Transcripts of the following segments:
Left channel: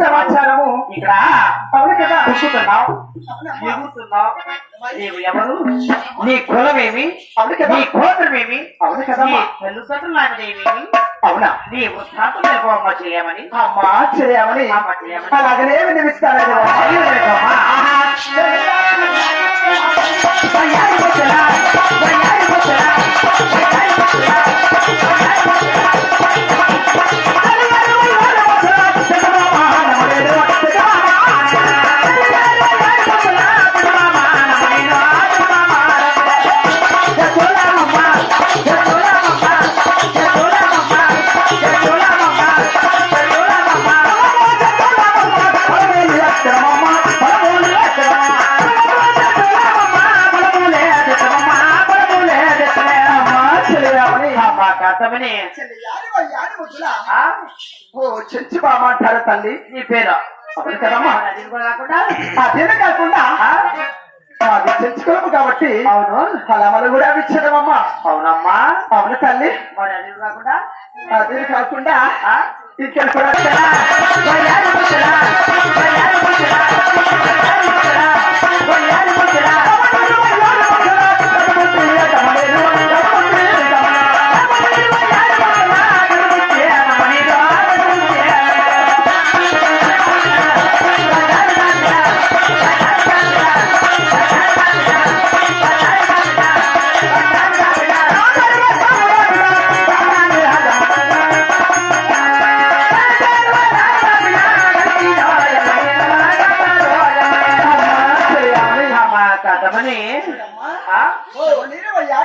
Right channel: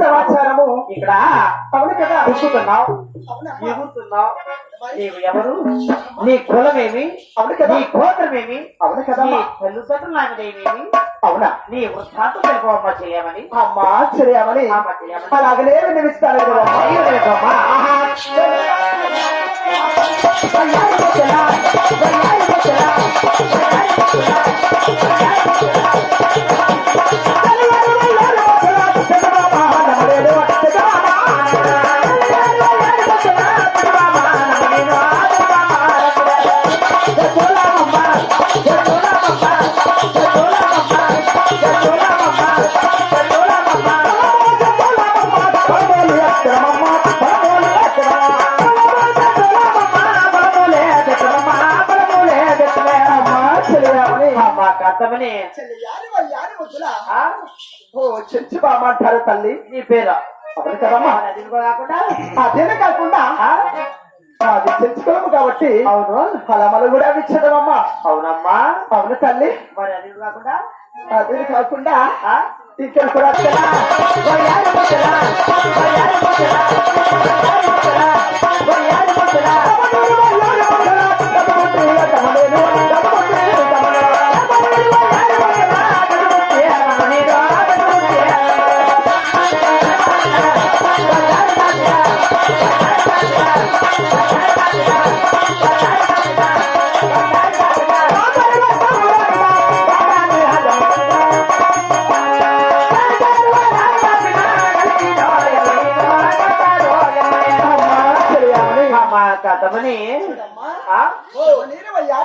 సమాచారము ఇక్కడ అవును కదా అవునమ్మా. ఎగురుతున్నావు నీవు ఎవరు? నీ కులమేమి? అవును కదా. నీ గోత్రమేమి? అవును కదా. నీ తల్లిదండ్రులు నామదేమేమి అవునా నీ వృత్తాంతం తెలుపమ్మా చేయమని. అమ్మా చేయమని. అమ్మ చేయమని. అలాగనే వినిపిస్తాను కదా. ఆ? ఓ చెంచి బామ్మ అంటారు తల్లి నీ పేరు. కదమ్మా అది కూడా కాకుండా? అదేనే కాకుండా? అది చెంచుకోము కాబట్టి. అవును. ఫలములు కూడా ఇచ్చదమ్మా అవునమ్మా. అవును తల్లి. మరి అది కూడా కాకుండా? అదే కాకుండా? ఇక్కడ కూడా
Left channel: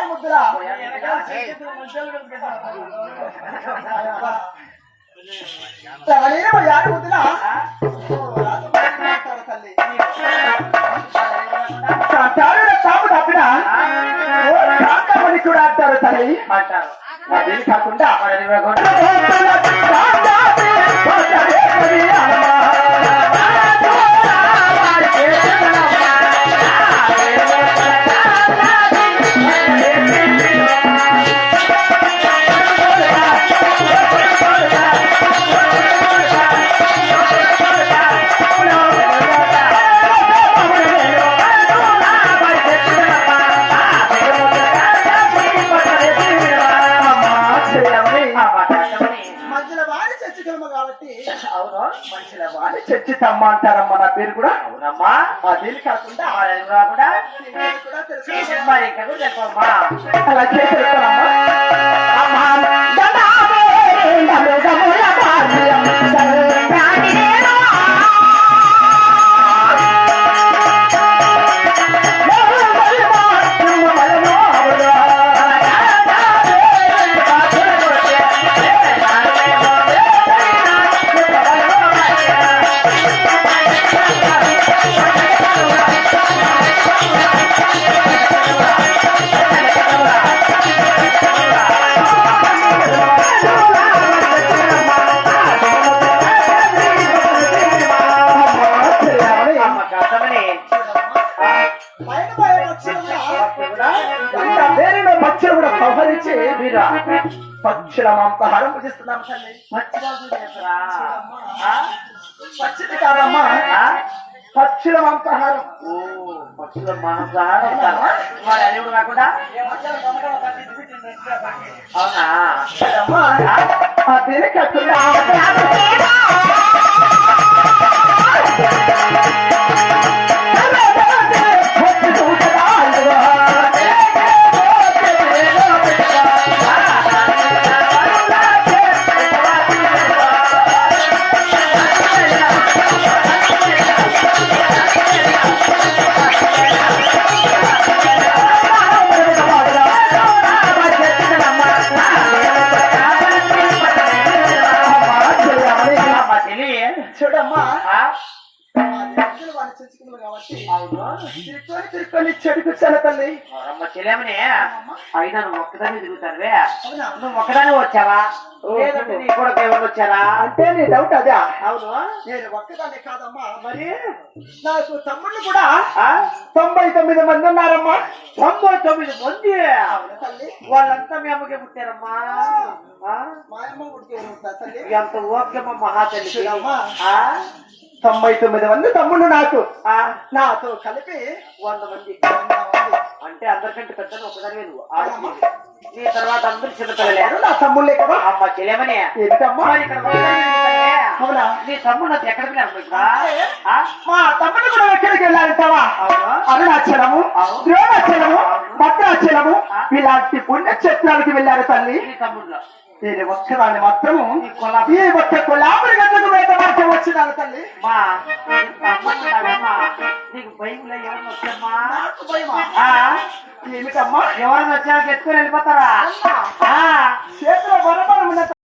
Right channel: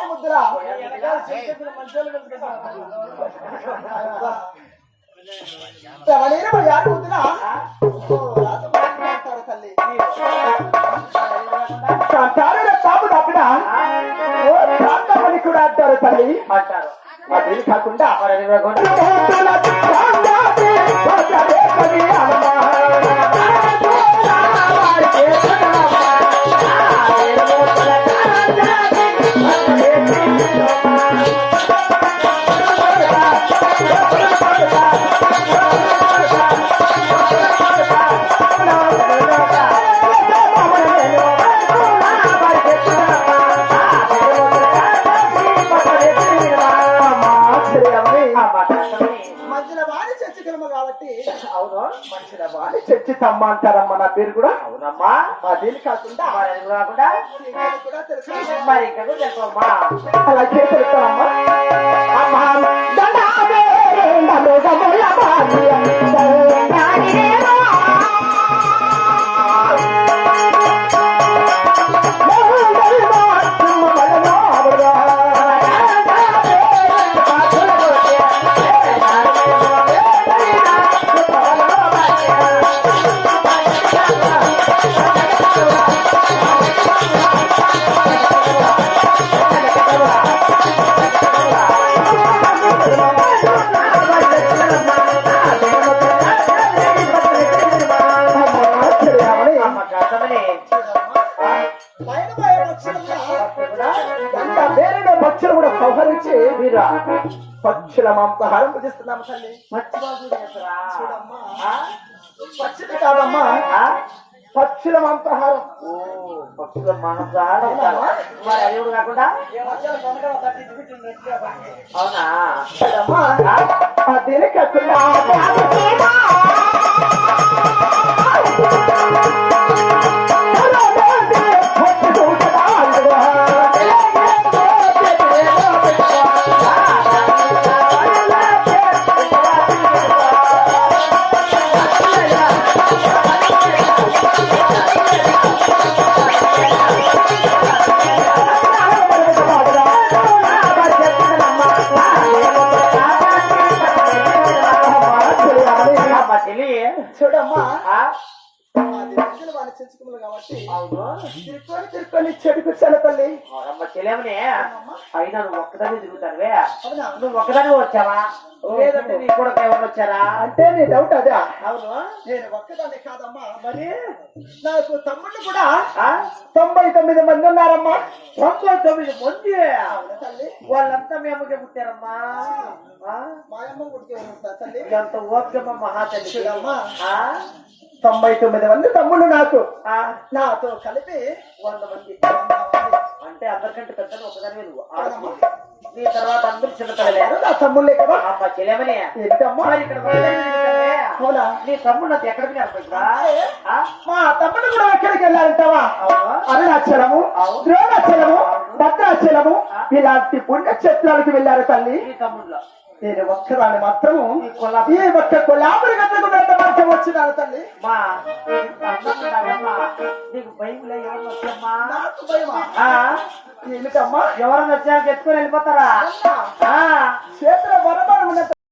ముద్దులా తమనేమో యారి ముద్దులా ఆ? తల్లి తాము తప్పిన కూడా అంటారు తల్లి అంటారు అదే కాకుండా మధ్యలో వాడి చర్చకరమ కాబట్టి. అవును మనుషుల వాడి తమ్మ అంటారమ్మ నా పేరు కూడా? అవునమ్మా కాకుండా మరి అది కాకుండా కూడా తెలుసు. అలా చేస్తారమ్మా పక్షులు కూడా సంహరించి మీరా పక్షుల మాంసాహారం భుజిస్తున్నాం తల్లి? పక్షులు కాదమ్మా. ఆ? పక్షుల మాంసాహారం. ఓ పక్షుల మాంసాహారం కాకుండా? అవునా? అమ్మా ఆ? అదే అమ్మ చెంచుకుములు కాబట్టి తిరుక్కొని తిరుక్కొని చెడుకొచ్చాను తల్లి? అమ్మ అమ్మమ్మ. అయినా నువ్వు ఒక్కదాన్ని తిరుగుతానువే? నువ్వు ఒక్కదానే వచ్చావా? లేదంటే నీ కూడా ఎవరు వచ్చారా? అంటే నీ డౌట్ అదే. అవును? నేను ఒక్కదాన్ని కాదమ్మా. మరి నాకు తమ్ముళ్ళు కూడా ఆ? తొంభై తొమ్మిది మంది ఉన్నారమ్మా. తొంభై తొమ్మిది మంది? తల్లి? వాళ్ళంతా మీ అమ్మకే పుట్టారమ్మా? మా అమ్మ గుడికి ఉంటా తల్లి? ఎంత ఓకేమ్మా మహాతల్లి చూడమ్మా. ఆ? తొంభై తొమ్మిది మంది తమ్ముళ్ళు నాకు ఆ? నాతో కలిపి వంద మంది. అంటే అందరికంటే పెద్ద ఒకదానివే నువ్వు. నీ తర్వాత అందరు చిన్నపిల్లలే ఎవరు నా తమ్ముళ్ళే కదా అమ్మ తిరుగుతావే? అవునా నీ తమ్ముడు నాకు ఎక్కడికి మా తమ్ముడు కూడా ఎక్కడికి వెళ్ళాలంటావా అరుణాచలము. ద్రోణాచలము. భద్రాచలము. ఇలాంటి పుణ్యక్షేత్రాలకు వెళ్ళారు తల్లి నేను ఒక్కదాన్ని మాత్రము ఈ ఒక్క కొలాబరి గంటకు వచ్చినాను తల్లి. మా. నీకు భయంలో ఎవరు వచ్చామ్మా నాకు భయమా? ఏమిటమ్మా? ఎవరైనా వచ్చాక ఎత్తుకొని వెళ్ళిపోతారా? చేతిలో వరమాలు ఉన్న